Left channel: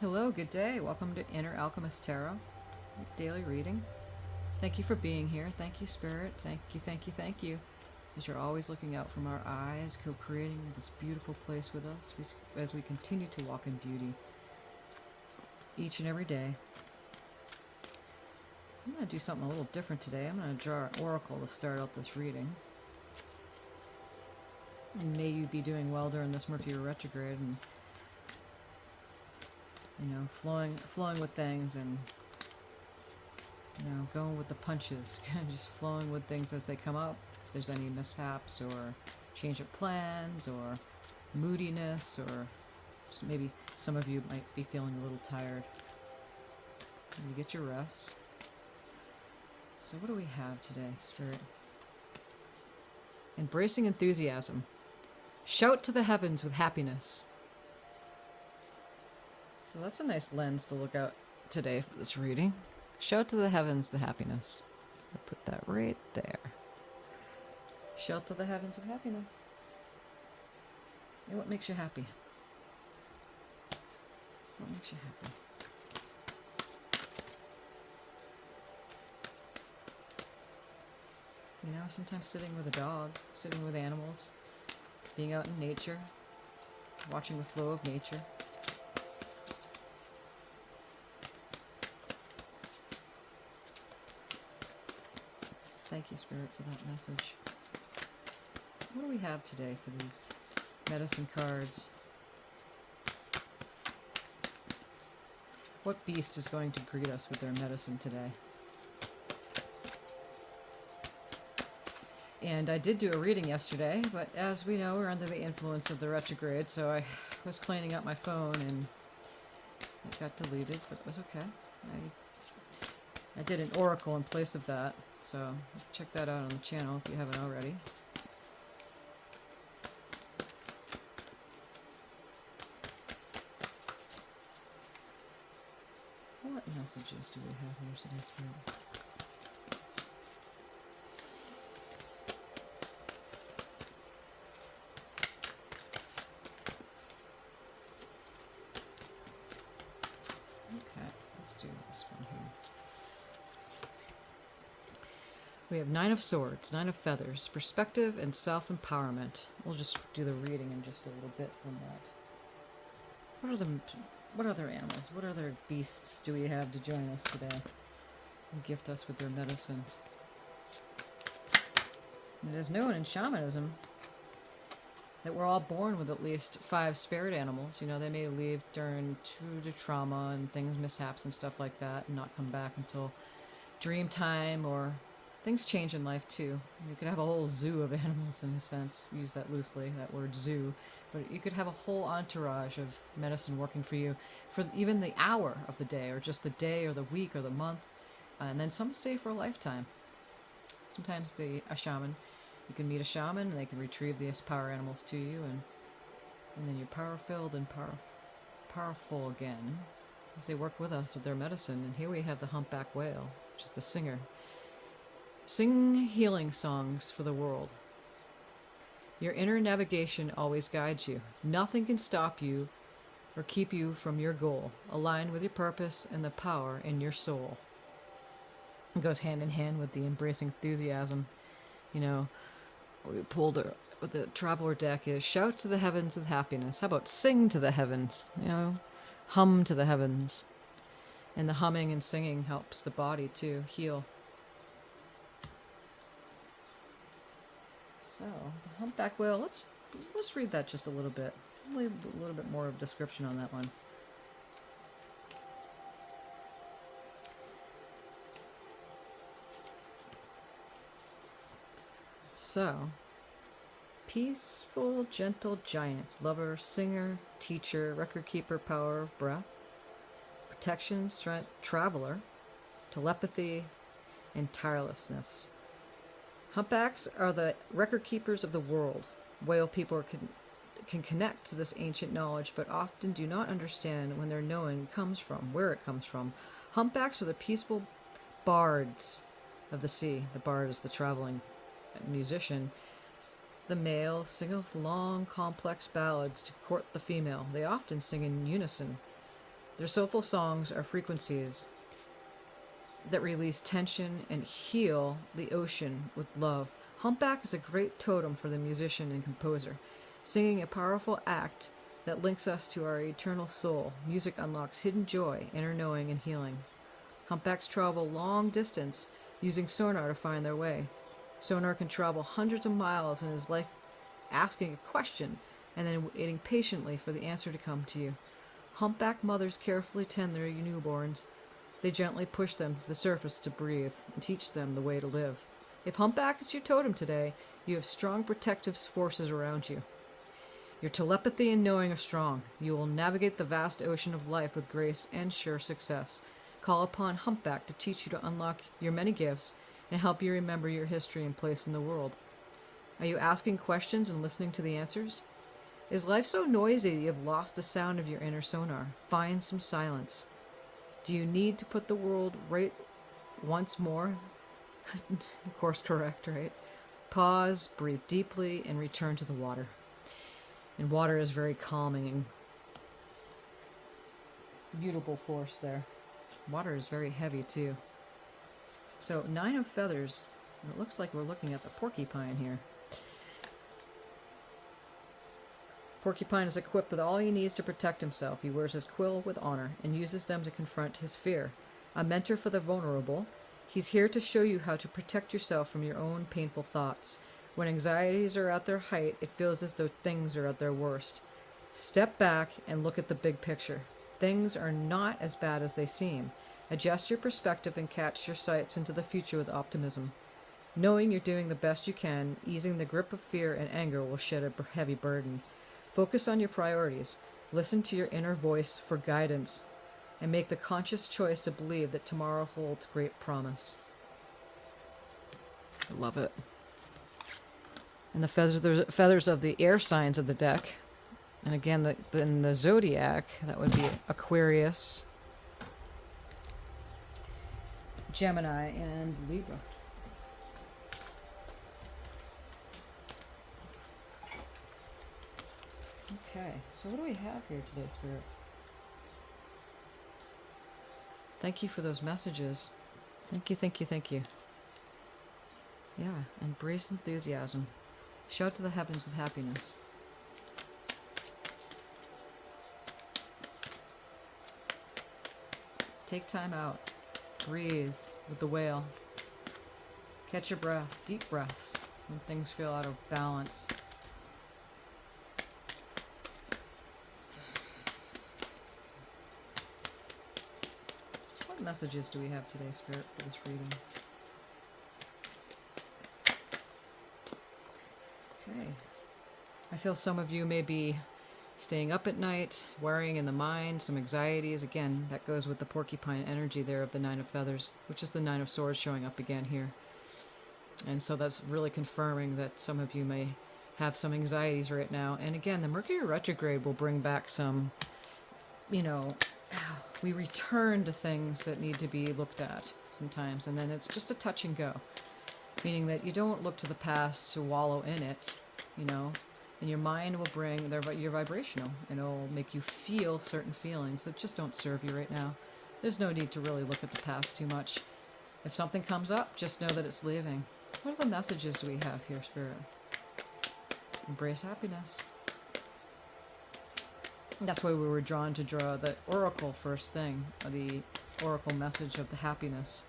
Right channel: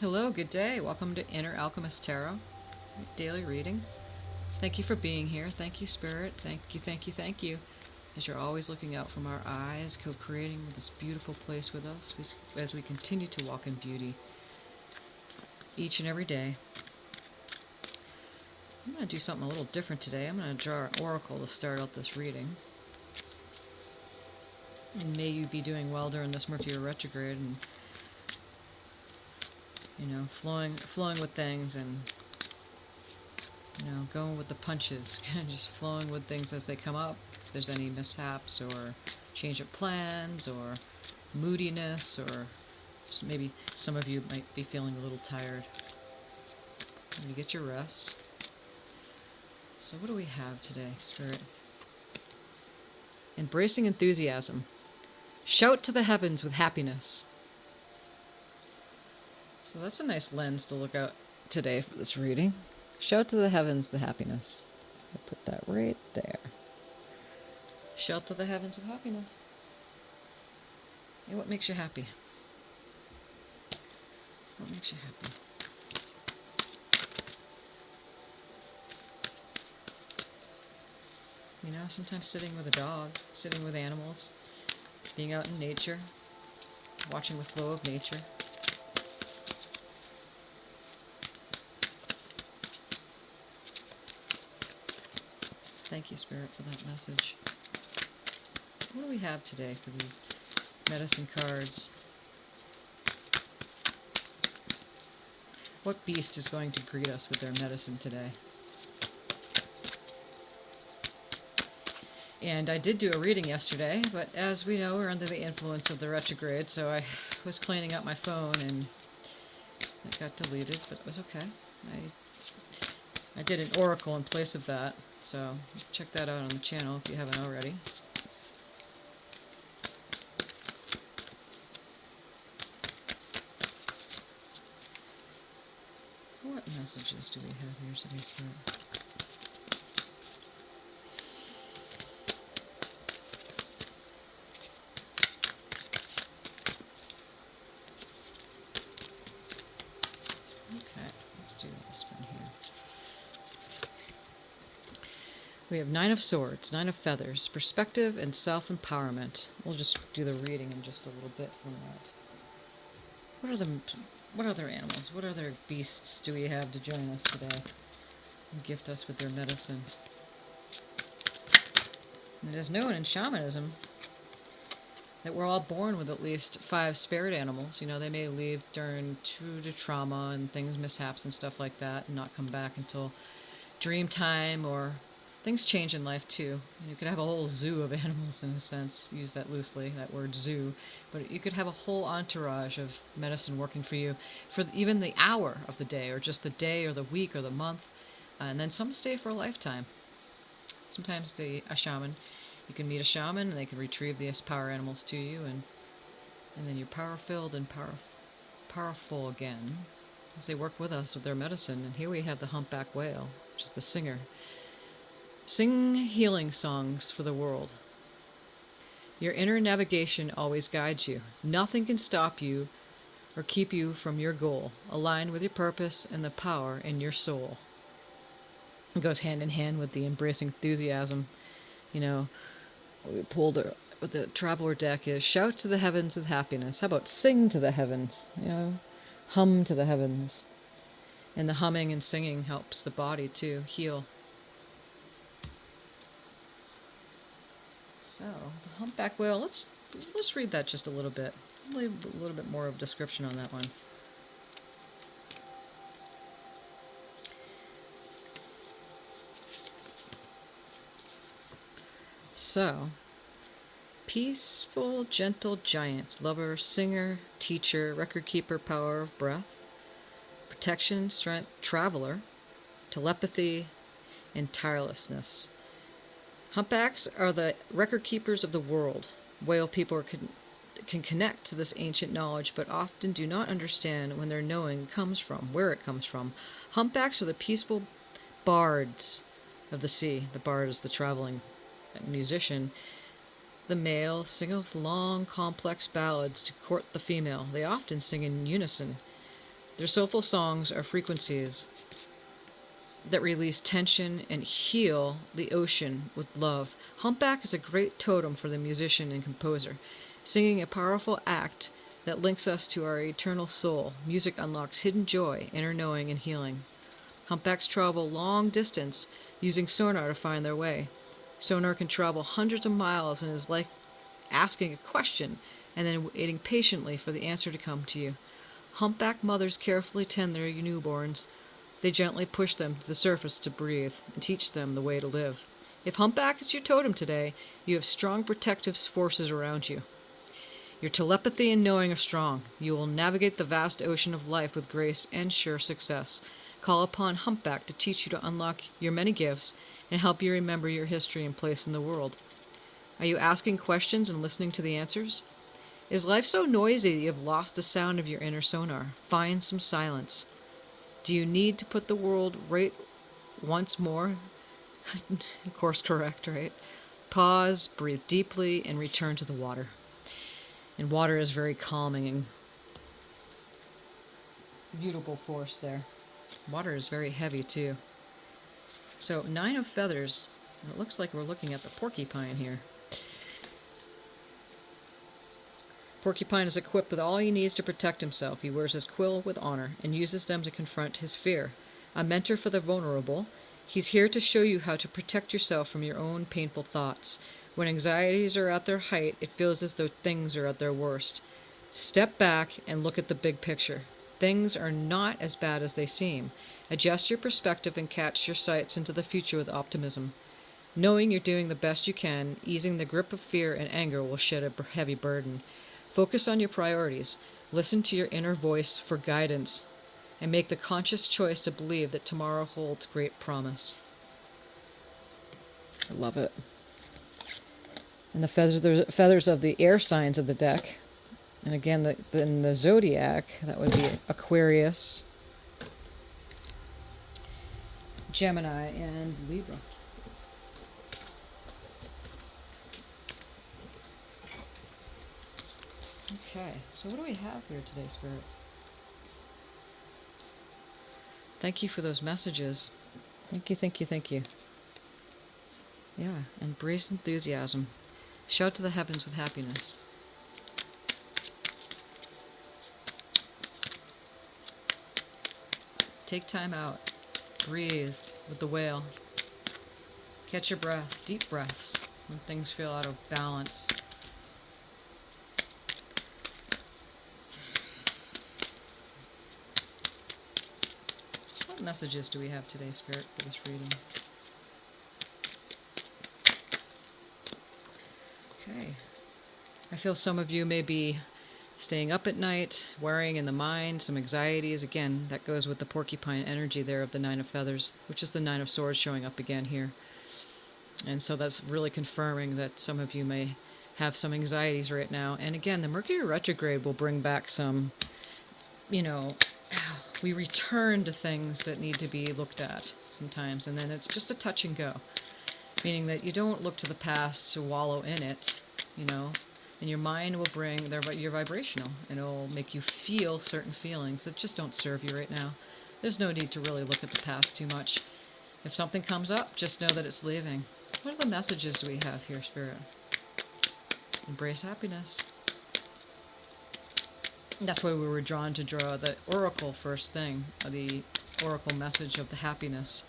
Hello, good day. Welcome to Inner Alchemist Tarot daily reading. Thank you for being here. Thank you, Spirit. Thank you, thank you, thank you. As you're always looking out from our eyes, co-creating this beautiful place with us as we continue to walk in beauty each and every day. I'm going to do something a little different today. I'm going to draw an oracle to start out this reading. And may you be doing well during this Mercury retrograde and, flowing with things and going with the punches, kind of just flowing with things as they come up. If there's any mishaps or change of plans or moodiness, or just maybe some of you might be feeling a little tired, you get your rest. So what do we have today, Spirit? Embracing enthusiasm. Shout to the heavens with happiness. So that's a nice lens to look out today for this reading. Shout to the heavens with happiness. I put that right there. Shout to the heavens with happiness. Hey, what makes you happy? What makes you happy? Sometimes sitting with a dog, sitting with animals, being out in nature, watching the flow of nature. Thank you, Spirit, for that message. What do we have today for these medicine cards? What beast is going to greet us with their medicine today? And I did do a reading yesterday, but as we know, we're under the influence of the retrograde, so I was cleaning up my phone and it got deleted, but it was okay. I did an oracle in place of that, so check that out on the channel if you haven't already. What messages do we have here today, Spirit? Okay, let's do this one here. We have 9 of Swords, 9 of Feathers, perspective and self-empowerment. We'll just do the reading in just a little bit from that. What other animals, what other beasts do we have to join us today and gift us with their medicine? It is known in shamanism that we're all born with at least 5 spirit animals. They may leave due to trauma and things, mishaps and stuff like that, and not come back until dream time, or things change in life too. You could have a whole zoo of animals, in a sense. Use that loosely, that word zoo. But you could have a whole entourage of medicine working for you for even the hour of the day, or just the day or the week or the month. And then some stay for a lifetime. Sometimes a shaman, you can meet a shaman and they can retrieve these power animals to you, and then you're power-filled and powerful again as they work with us with their medicine. And here we have the humpback whale, which is the singer. Sing healing songs for the world. Your inner navigation always guides you. Nothing can stop you or keep you from your goal. Align with your purpose and the power in your soul. It goes hand in hand with the embracing enthusiasm. We pulled with the Traveler deck is shout to the heavens with happiness. How about sing to the heavens? Hum to the heavens. And the humming and singing helps the body to heal. So, the humpback whale, let's read that just a little bit. I'll leave a little bit more of a description on that one. So, peaceful, gentle giant, lover, singer, teacher, record keeper, power of breath, protection, strength, traveler, telepathy, and tirelessness. Humpbacks are the record keepers of the world. Whale people can connect to this ancient knowledge, but often do not understand when their knowing comes from, where it comes from. Humpbacks are the peaceful bards of the sea. The bard is the traveling musician. The male singeth long, complex ballads to court the female. They often sing in unison. Their soulful songs are frequencies that release tension and heal the ocean with love. Humpback is a great totem for the musician and composer, singing a powerful act that links us to our eternal soul. Music unlocks hidden joy, inner knowing, and healing. Humpbacks travel long distance using sonar to find their way. Sonar can travel hundreds of miles and is like asking a question and then waiting patiently for the answer to come to you. Humpback mothers carefully tend their newborns. They gently push them to the surface to breathe and teach them the way to live. If humpback is your totem today, you have strong protective forces around you. Your telepathy and knowing are strong. You will navigate the vast ocean of life with grace and sure success. Call upon humpback to teach you to unlock your many gifts and help you remember your history and place in the world. Are you asking questions and listening to the answers? Is life so noisy that you have lost the sound of your inner sonar? Find some silence. Do you need to put the world right once more? Course correct, right? Pause, breathe deeply, and return to the water. And water is very calming and beautiful force there. Water is very heavy too. So 9 of feathers. It looks like we're looking at the porcupine here. Porcupine is equipped with all he needs to protect himself. He wears his quill with honor and uses them to confront his fear. A mentor for the vulnerable, he's here to show you how to protect yourself from your own painful thoughts. When anxieties are at their height, it feels as though things are at their worst. Step back and look at the big picture. Things are not as bad as they seem. Adjust your perspective and catch your sights into the future with optimism. Knowing you're doing the best you can, easing the grip of fear and anger will shed a heavy burden. Focus on your priorities. Listen to your inner voice for guidance, and make the conscious choice to believe that tomorrow holds great promise. I love it. And the feathers of the air signs of the deck. And again, in the zodiac, that would be Aquarius, Gemini, and Libra. Okay, so what do we have here today, Spirit? Thank you for those messages. Thank you, thank you, thank you. Yeah, embrace enthusiasm. Shout to the heavens with happiness. Take time out. Breathe with the whale. Catch your breath, deep breaths, when things feel out of balance. What messages do we have today, Spirit, for this reading? Okay. I feel some of you may be staying up at night, worrying in the mind, some anxieties. Again, that goes with the porcupine energy there of the 9 of feathers, which is the 9 of swords showing up again here. And so that's really confirming that some of you may have some anxieties right now. And again, the Mercury retrograde will bring back some, we return to things that need to be looked at sometimes. And then it's just a touch and go, meaning that you don't look to the past to wallow in it, and your mind will bring your vibrational, and it'll make you feel certain feelings that just don't serve you right now. There's no need to really look at the past too much. If something comes up, just know that it's leaving. What are the messages do we have here, Spirit? Embrace happiness. That's why we were drawn to draw the oracle first thing, the oracle message of the happiness.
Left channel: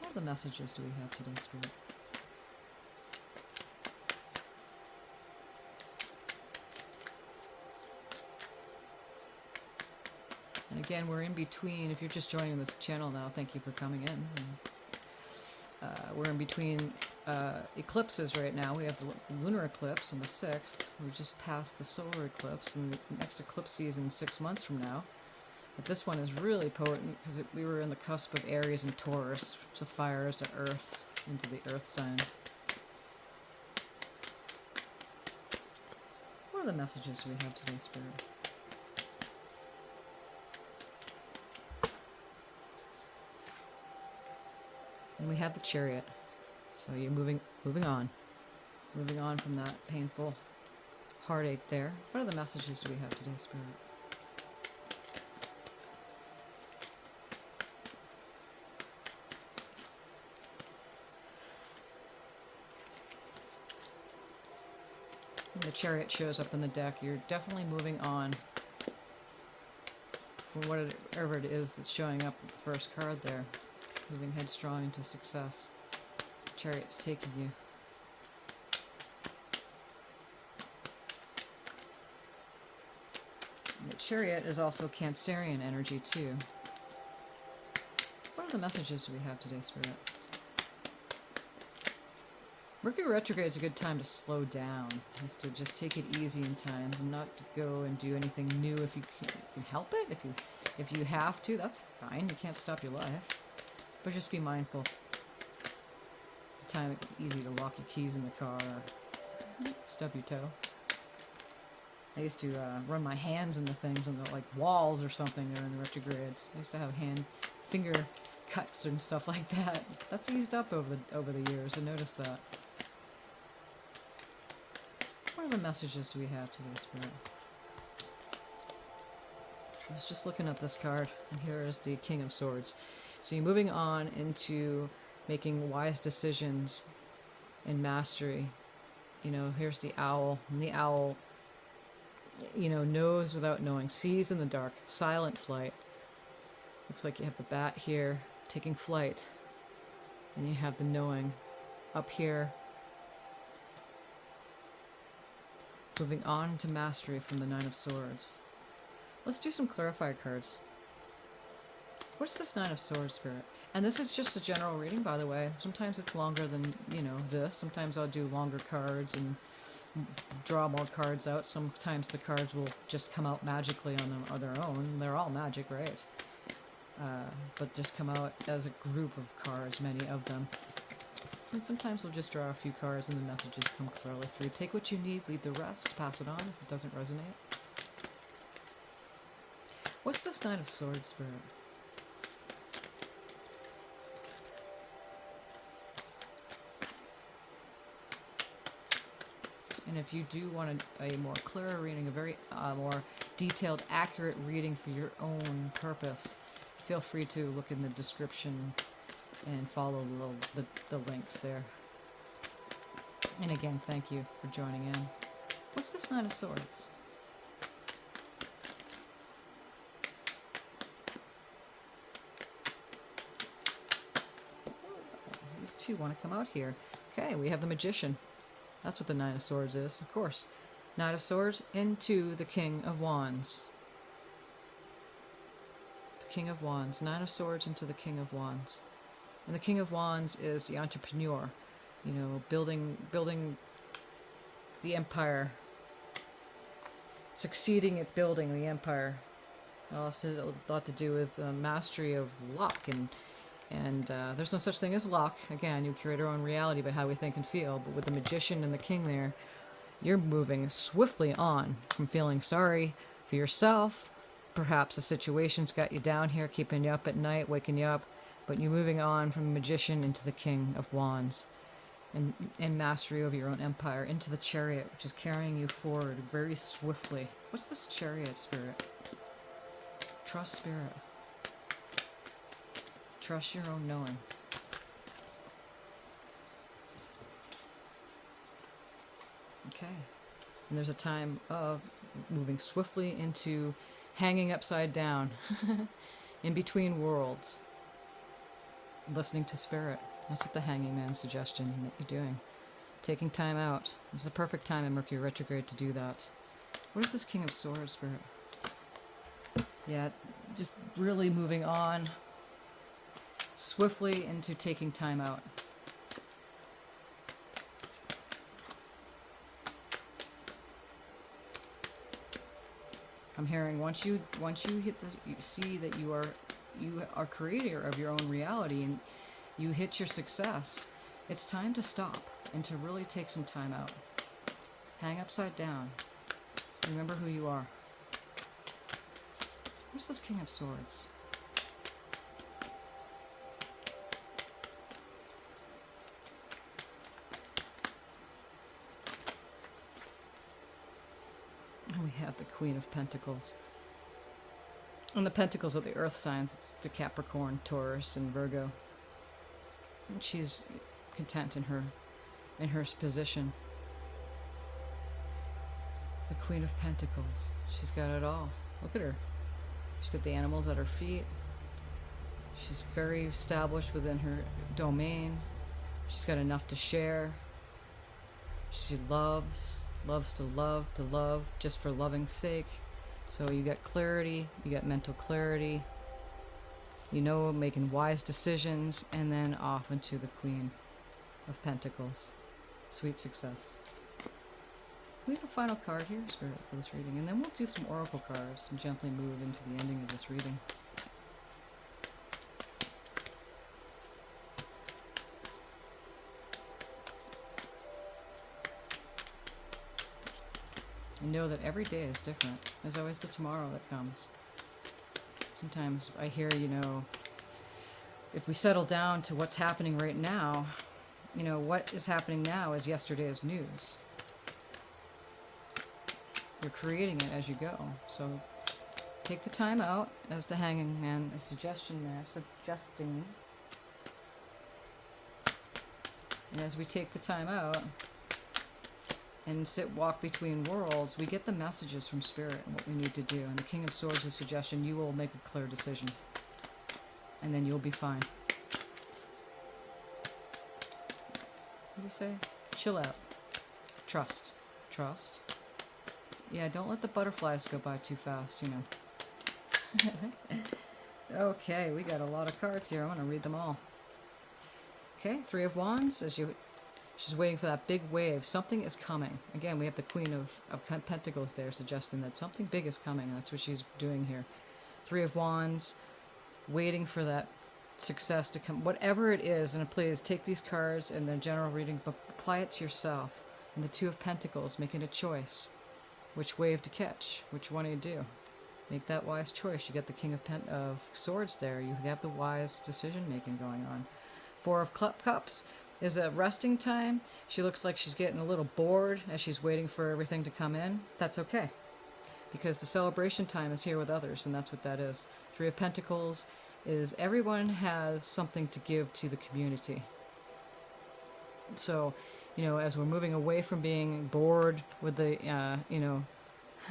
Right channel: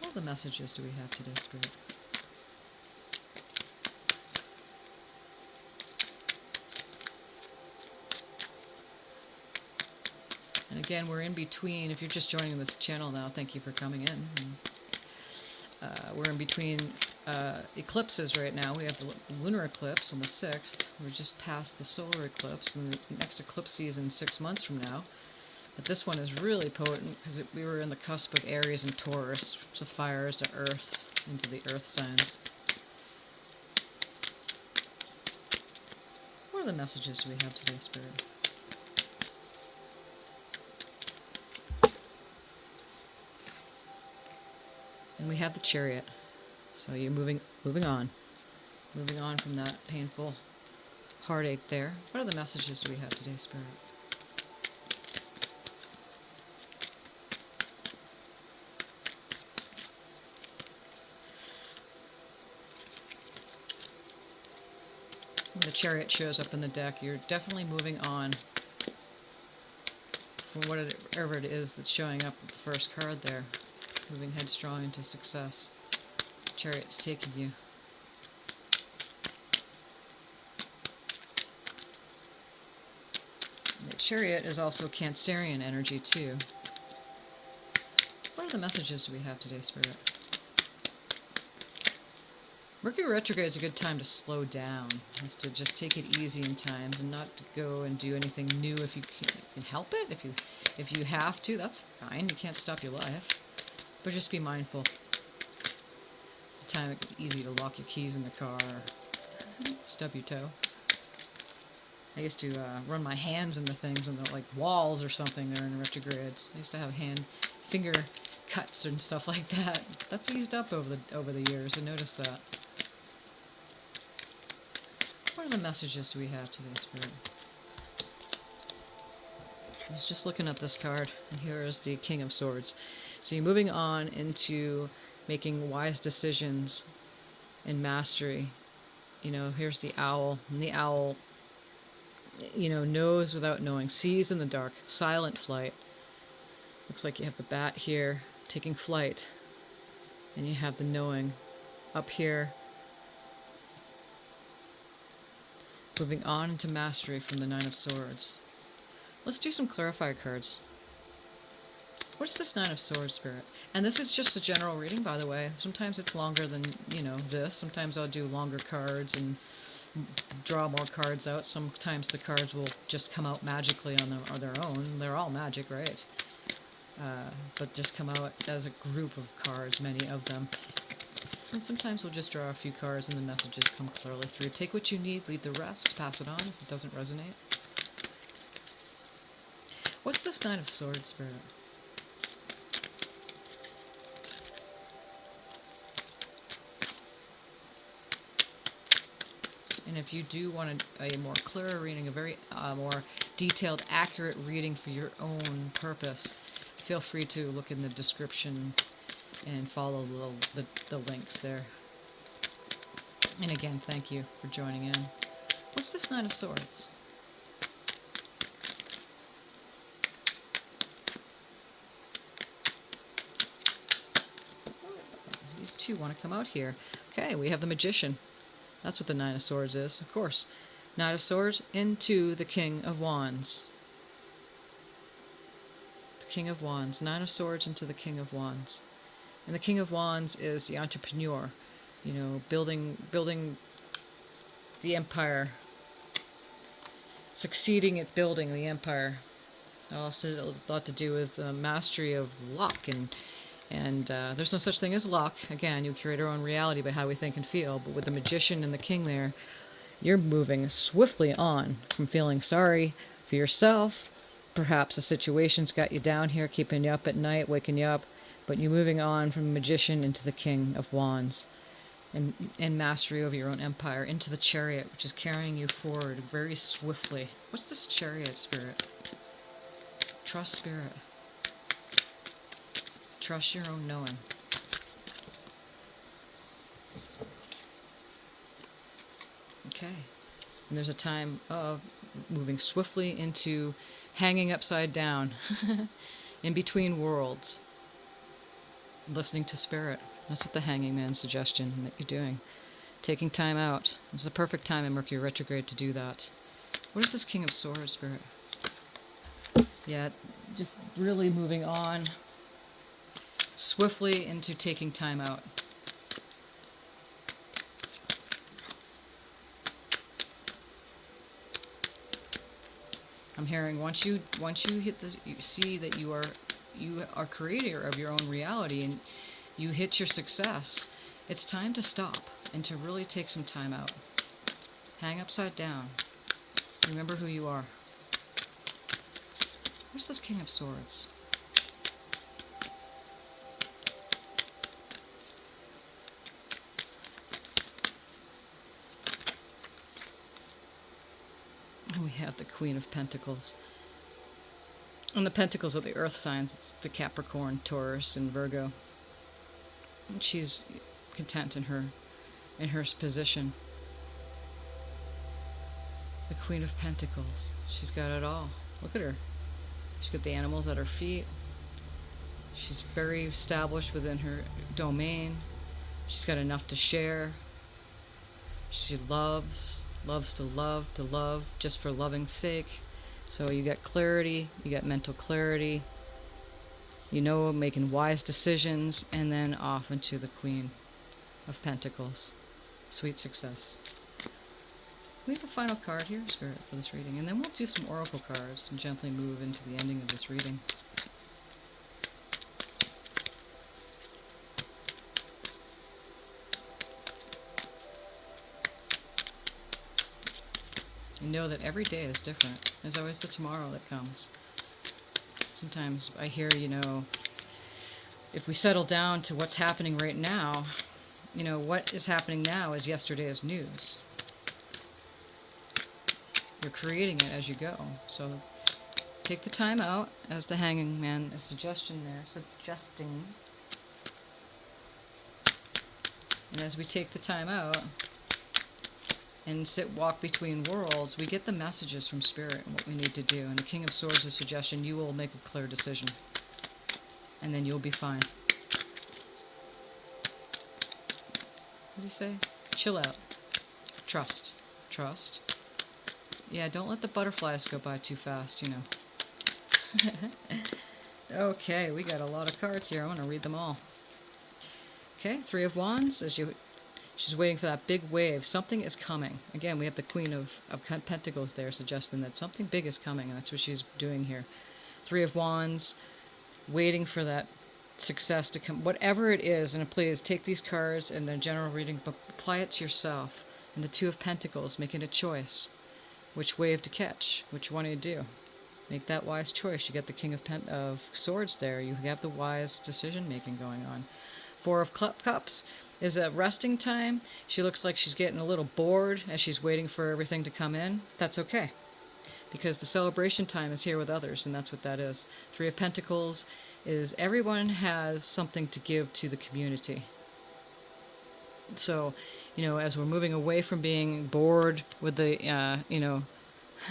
What other messages do we have today, Spirit? And again, we're in between. If you're just joining this channel now, thank you for coming in. We're in between eclipses right now. We have the lunar eclipse on the 6th. We're just past the solar eclipse, and the next eclipse season 6 months from now. But this one is really potent because we were in the cusp of Aries and Taurus, so fires to Earth, into the Earth signs. What other messages do we have today, Spirit? And we have the Chariot. So you're moving on. Moving on from that painful heartache there. What other messages do we have today, Spirit? When the Chariot shows up in the deck, you're definitely moving on from whatever it is that's showing up with the first card there. Moving headstrong into success. Chariot's taking you. The Chariot is also Cancerian energy too. What other messages do we have today, Spirit? Mercury retrograde is a good time to slow down, is to just take it easy in times and not to go and do anything new if you can help it. If you have to, that's fine. You can't stop your life, but just be mindful. It's a time it's easy to lock your keys in the car, or stub your toe. I used to run my hands into things and like walls or something. They're in retrogrades. I used to have finger cuts and stuff like that. That's eased up over the years. I noticed that. What other messages do we have today, Spirit? I was just looking at this card, and here is the King of Swords. So you're moving on into making wise decisions and mastery. You know, here's the owl, and the owl, you know, knows without knowing, sees in the dark, silent flight. Looks like you have the bat here, taking flight, and you have the knowing up here. Moving on into mastery from the Nine of Swords. Let's do some clarifier cards. What's this Nine of Swords, Spirit? And this is just a general reading, by the way. Sometimes it's longer than, you know, this. Sometimes I'll do longer cards and draw more cards out. Sometimes the cards will just come out magically on their own. They're all magic, right? But just come out as a group of cards, many of them. And sometimes we'll just draw a few cards and the messages come clearly through. Take what you need, leave the rest, pass it on if it doesn't resonate. What's this Nine of Swords, Spirit? And if you do want a more clearer reading, a very more detailed, accurate reading for your own purpose, feel free to look in the description and follow the links there. And again, thank you for joining in. What's this Nine of Swords? These two want to come out here. Okay, we have the Magician. That's what the Nine of Swords is, of course. Knight of Swords into the King of Wands. The King of Wands. Nine of Swords into the King of Wands. And the King of Wands is the entrepreneur, you know, building the empire, succeeding at building the empire. It also has a lot to do with mastery of luck, and there's no such thing as luck. Again, you create our own reality by how we think and feel, but with the Magician and the King there, you're moving swiftly on from feeling sorry for yourself. Perhaps the situation's got you down here, keeping you up at night, waking you up, but you're moving on from the Magician into the King of Wands and mastery over your own empire, into the Chariot, which is carrying you forward very swiftly. What's this Chariot, Spirit? Trust, Spirit. Trust your own knowing. Okay. And there's a time of moving swiftly into hanging upside down in between worlds. Listening to Spirit. That's what the Hanging Man suggestion that you're doing. Taking time out. It's the perfect time in Mercury retrograde to do that. What is this King of Swords, Spirit? Yeah, just really moving on swiftly into taking time out. I'm hearing once you hit this, you see that you are creator of your own reality and you hit your success. It's time to stop and to really take some time out. Hang upside down. Remember who you are. Where's this King of Swords? we have the Queen of Pentacles. And the Pentacles are the earth signs. It's the Capricorn, Taurus, and Virgo. And she's content in her position. The Queen of Pentacles. She's got it all. Look at her. She's got the animals at her feet. She's very established within her domain. She's got enough to share. She loves to love, just for loving's sake. So you got clarity, you got mental clarity, you know, making wise decisions, and then off into the Queen of Pentacles. Sweet success. We have a final card here, Spirit, for this reading, and then we'll do some oracle cards and gently move into the ending of this reading. And know that every day is different. There's always the tomorrow that comes. Sometimes I hear, you know, if we settle down to what's happening right now, you know, what is happening now is yesterday's news. You're creating it as you go. So take the time out, as the Hanging Man, a suggesting. And as we take the time out and walk between worlds, we get the messages from Spirit and what we need to do. And the King of Swords' is suggestion, you will make a clear decision. And then you'll be fine. What do you say? Chill out. Trust. Trust. Yeah, don't let the butterflies go by too fast, you know. Okay, we got a lot of cards here. I want to read them all. Okay, Three of Wands. She's waiting for that big wave. Something is coming. Again, we have the Queen of Pentacles there, suggesting that something big is coming. That's what she's doing here. Three of Wands, waiting for that success to come. Whatever it is, and please take these cards and their general reading, but apply it to yourself. And the Two of Pentacles, making a choice. Which wave to catch? Which one do you do? Make that wise choice. You get the King of Swords there. You have the wise decision-making going on. Four of Cups is a resting time. She looks like she's getting a little bored as she's waiting for everything to come in. That's okay, because the celebration time is here with others, and that's what that is. Three of Pentacles is everyone has something to give to the community. So, you know, as we're moving away from being bored with the, you know,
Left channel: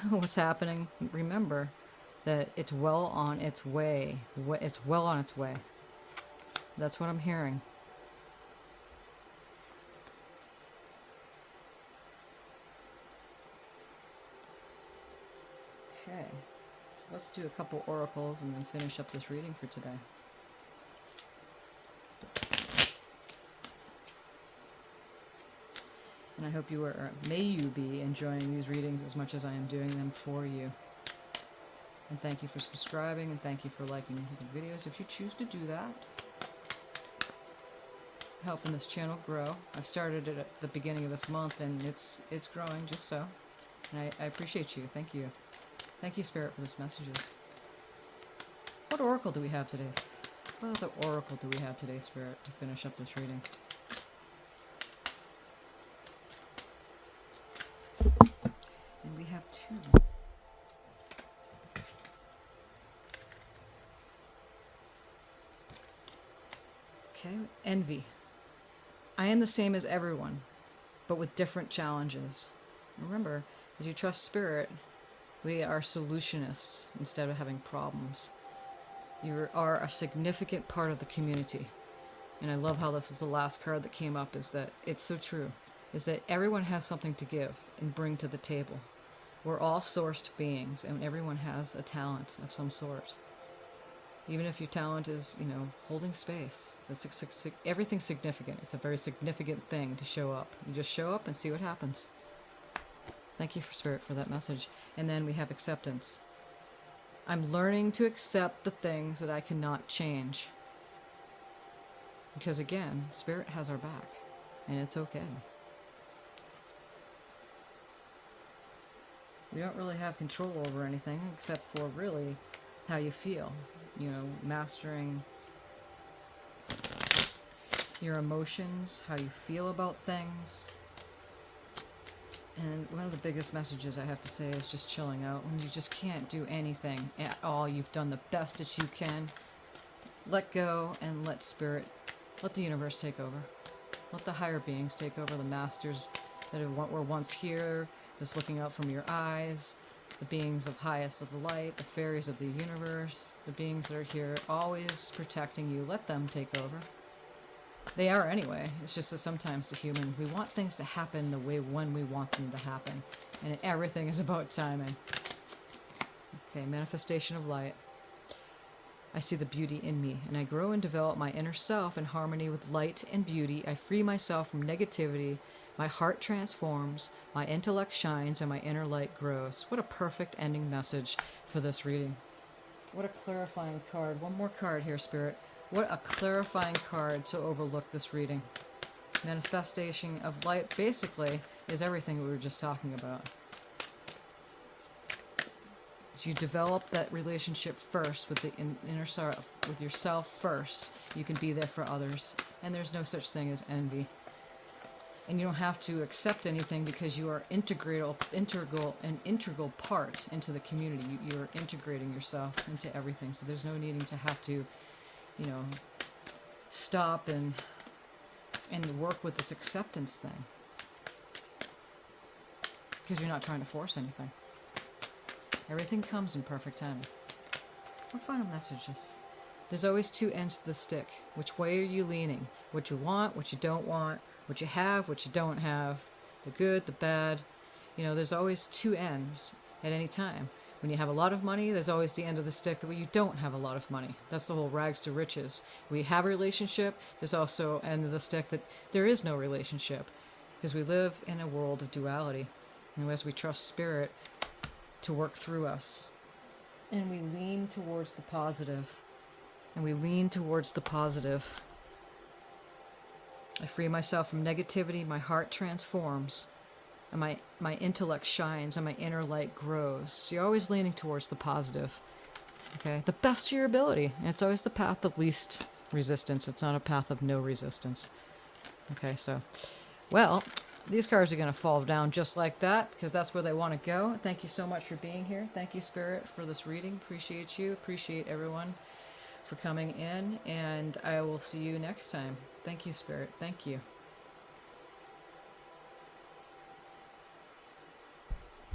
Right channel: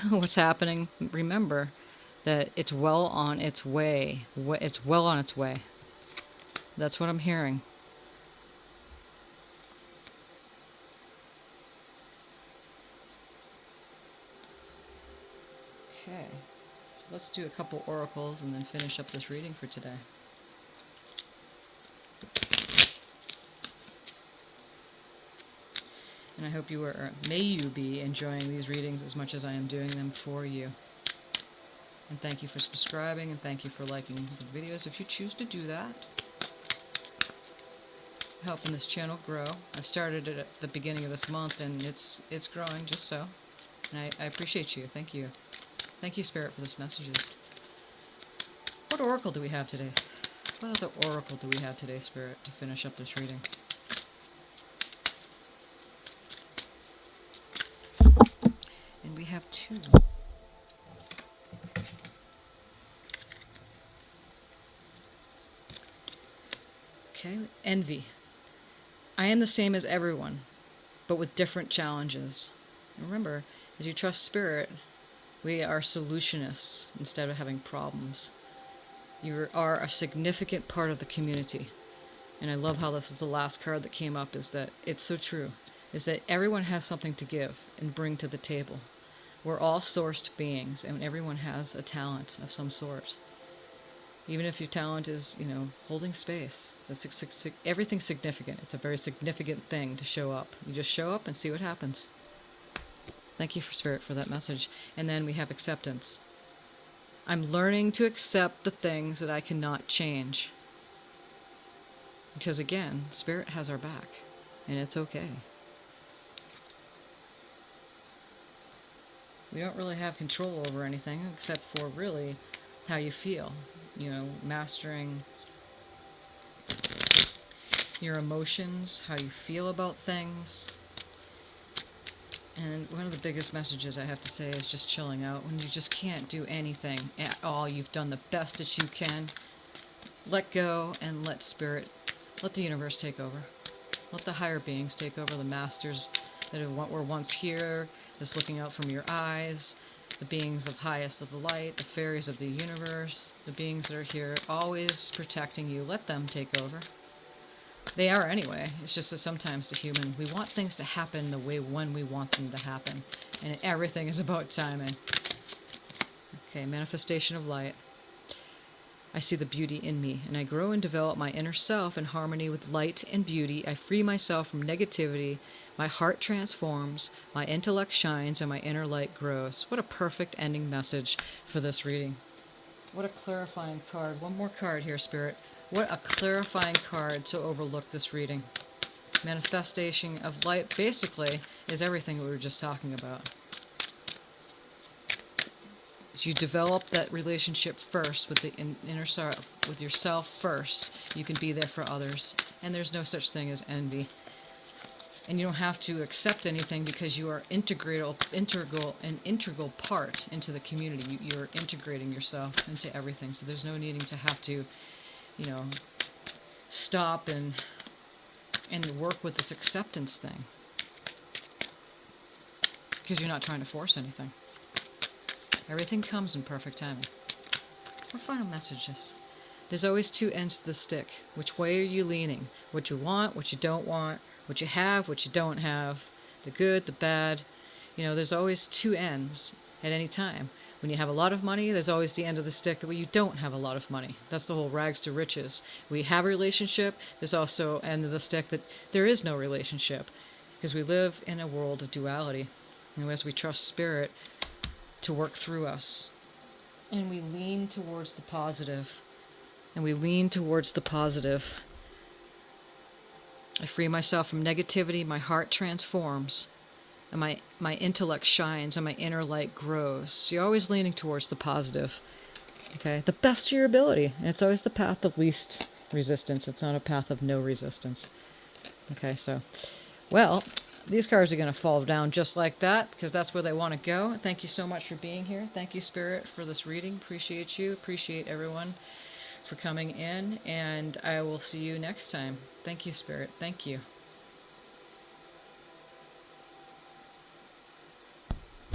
what's happening, remember that it's well on its way. It's well on its way. That's what I'm hearing. Okay, so let's do a couple oracles and then finish up this reading for today. And I hope may you be enjoying these readings as much as I am doing them for you. And thank you for subscribing, and thank you for liking the videos if you choose to do that. Helping this channel grow. I started it at the beginning of this month, and it's growing just so. And I appreciate you. Thank you. Thank you, Spirit, for this messages. What oracle do we have today? What other oracle do we have today, Spirit, to finish up this reading? And we have two. Okay, envy. I am the same as everyone, but with different challenges. Remember, as you trust Spirit, we are solutionists instead of having problems. You are a significant part of the community. And I love how this is the last card that came up, is that it's so true, is that everyone has something to give and bring to the table. We're all sourced beings, and everyone has a talent of some sort. Even if your talent is, you know, holding space. Everything's significant. It's a very significant thing to show up. You just show up and see what happens. Thank you, Spirit, for that message. And then we have acceptance. I'm learning to accept the things that I cannot change. Because again, Spirit has our back, and it's okay. We don't really have control over anything except for really how you feel. You know, mastering your emotions, how you feel about things, And one of the biggest messages I have to say is just chilling out. When you just can't do anything at all, you've done the best that you can. Let go and let spirit, let the universe take over. Let the higher beings take over, the masters that were once here, that's looking out from your eyes, the beings of highest of the light, the fairies of the universe, the beings that are here always protecting you. Let them take over. They are anyway. It's just that sometimes the human, we want things to happen the way when we want them to happen. And everything is about timing. Okay, manifestation of light. I see the beauty in me, and I grow and develop my inner self in harmony with light and beauty. I free myself from negativity. My heart transforms, my intellect shines, and my inner light grows. What a perfect ending message for this reading. What a clarifying card. One more card here, Spirit. What a clarifying card to overlook this reading. Manifestation of light basically is everything we were just talking about. You develop that relationship first with the inner self, with yourself first. You can be there for others. And there's no such thing as envy. And you don't have to accept anything because you are integral part into the community. You're integrating yourself into everything. So there's no needing to have to, stop and work with this acceptance thing. Because you're not trying to force anything. Everything comes in perfect timing. What final messages? There's always two ends to the stick. Which way are you leaning? What you want, what you don't want, what you have, what you don't have, the good, the bad. There's always two ends at any time. When you have a lot of money, there's always the end of the stick that you don't have a lot of money. That's the whole rags to riches. We have a relationship, there's also end of the stick that there is no relationship. Because we live in a world of duality. And as we trust spirit to work through us. And we lean towards the positive. I free myself from negativity, my heart transforms, and my intellect shines, and my inner light grows. So you're always leaning towards the positive. Okay? The best of your ability. And it's always the path of least resistance. It's not a path of no resistance. Okay, so, well, these cards are going to fall down just like that because that's where they want to go. Thank you so much for being here. Thank you, Spirit, for this reading. Appreciate you. Appreciate everyone for coming in. And I will see you next time. Thank you, Spirit. Thank you.